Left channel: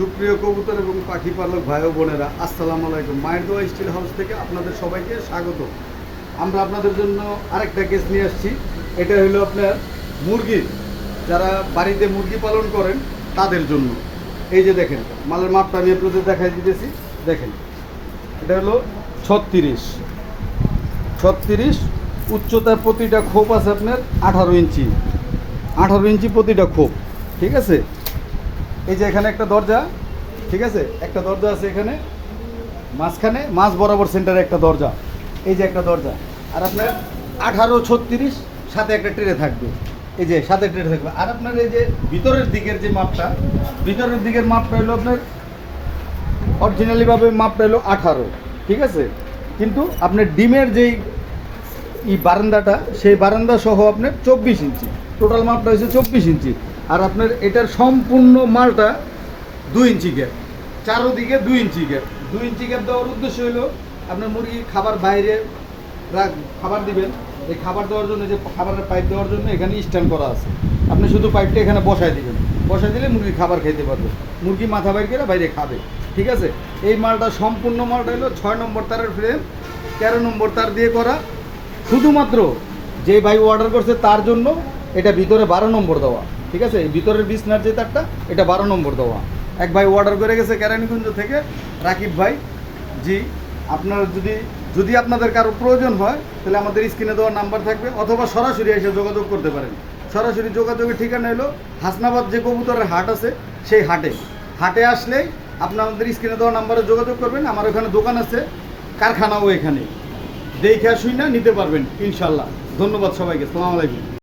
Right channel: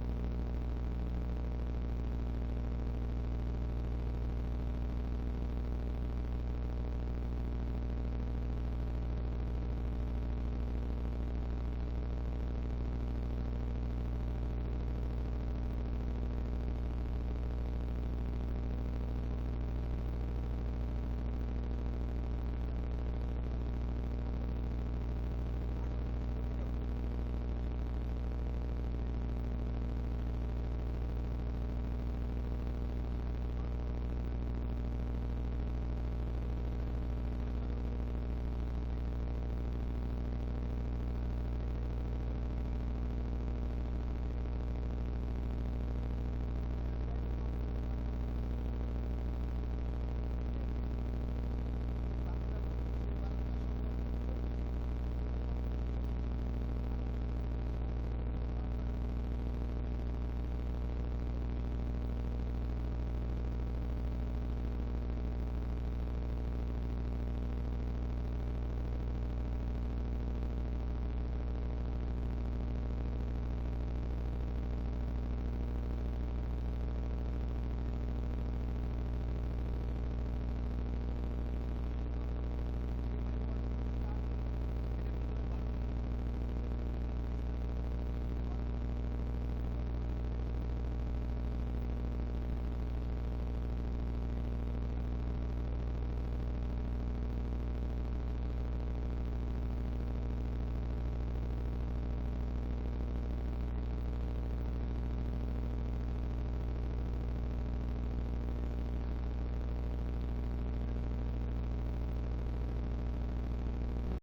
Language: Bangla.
সুপ্রিয় কবুতর এবং পাখি পালক ভাই ও বোনেরা, আসসালামু আলাইকুম। মায়ের দোয়া স্টিল হাউস থেকে আপনাদের সবাইকে স্বাগত। আমরা আপনাদের জন্য আরেকটা কেস নিয়ে আসছি। এটা হলো আপনার মুরগির, যারা বাড়িতে মুরগি পালন করেন তাদের জন্য। এই যে দেখেন, মালের মাপটা আমি আপনাদের দেখাই দিতেছি। দেখেন, এটা হলো 36 উচ্চতার প্রতিটা খোপ আছে আপনার 18 ইঞ্চি প্রতিটা খোপ। ঠিক আছে, এই যে এখানে একটা দরজা, ঠিক আছে, একটা দরজা আছে এখানে মাঝখানে, মাঝ বরাবর সেন্টারে একটা দরজা, এই যে একটা দরজা। আর আপনার 18-36 সাথে একটা ট্রে থাকবে, এই যে সাথে ট্রে থাকবে। আর আপনার এই যে ভিতরের দিকের যে মাপটা, ভিতরের দিকের মাপটা হলো আপনার অরিজিনালিভাবে মাপটা হলো 18, ঠিক আছে। কিন্তু আপনার ডিমের যেই বারান্দাটা, সেই বারান্দা সহ আপনার 24 ইঞ্চি, টোটাল মাপটা হচ্ছে 24 ইঞ্চি। আর আপনার এটার সম্পূর্ণ মালটা 2 ইঞ্চি গ্যাপ, চারোদিকে 2 ইঞ্চি গ্যাপ। 2 ইঞ্চি গ্যাপ দেওয়ার উদ্দেশ্য হলো আপনার মুরগি খাবার বাইরে খাবার দিবেন, এই খাবার দেওয়ার জন্য, যে খাবারের পাইপ দেওয়ার জন্য এখানে স্ট্যান্ড করা আছে। আপনি শুধু পাইপটা এখানে বসায় দিবেন, বসায় দিলে মুরগি খাবার খেতে পারবে, মুরগি মাথা বাইর করে বাইরে খাবে, ঠিক আছে। এই মালটা, সম্পূর্ণ মালটা হলো 6 নম্বর তারের ফ্রেম, 13 নম্বর তার দিয়ে করা। শুধুমাত্র যে ভাই অর্ডার করছে তার জন্য এটা ভিতরে 12 নম্বর দেওয়া, ঠিক আছে। এই ভিতরের বিছনার যে তারটা, এটা 12 নম্বর দেওয়া। এক ভাই অর্ডার করে গেছে কেরানীগঞ্জ থেকে, রাকিব ভাই। জি, আপনার যদি আপনাদের কারো প্রয়োজন হয় তাহলে আমাদের স্ক্রিনে দেওয়ার নাম্বার থাকবে, অথবা সরাসরি এসে যোগাযোগ করতে পারেন। সরাসরি যোগাযোগের ঠিকানা হলো হাসনাবাদ যে কবুতরের হাট আছে, সেই হাটে আসলেই আপনাদের স্ক্রিনে দেওয়া নাম্বারে যোগাযোগ করবেন। আমার ওখানে দোকান আছে, কারখানাও এখানে, দেখে শুই না নিতে পারবেন ইনশাল্লাহ। ধন্যবাদ সবাইকে, আসসালামু আলাইকুম।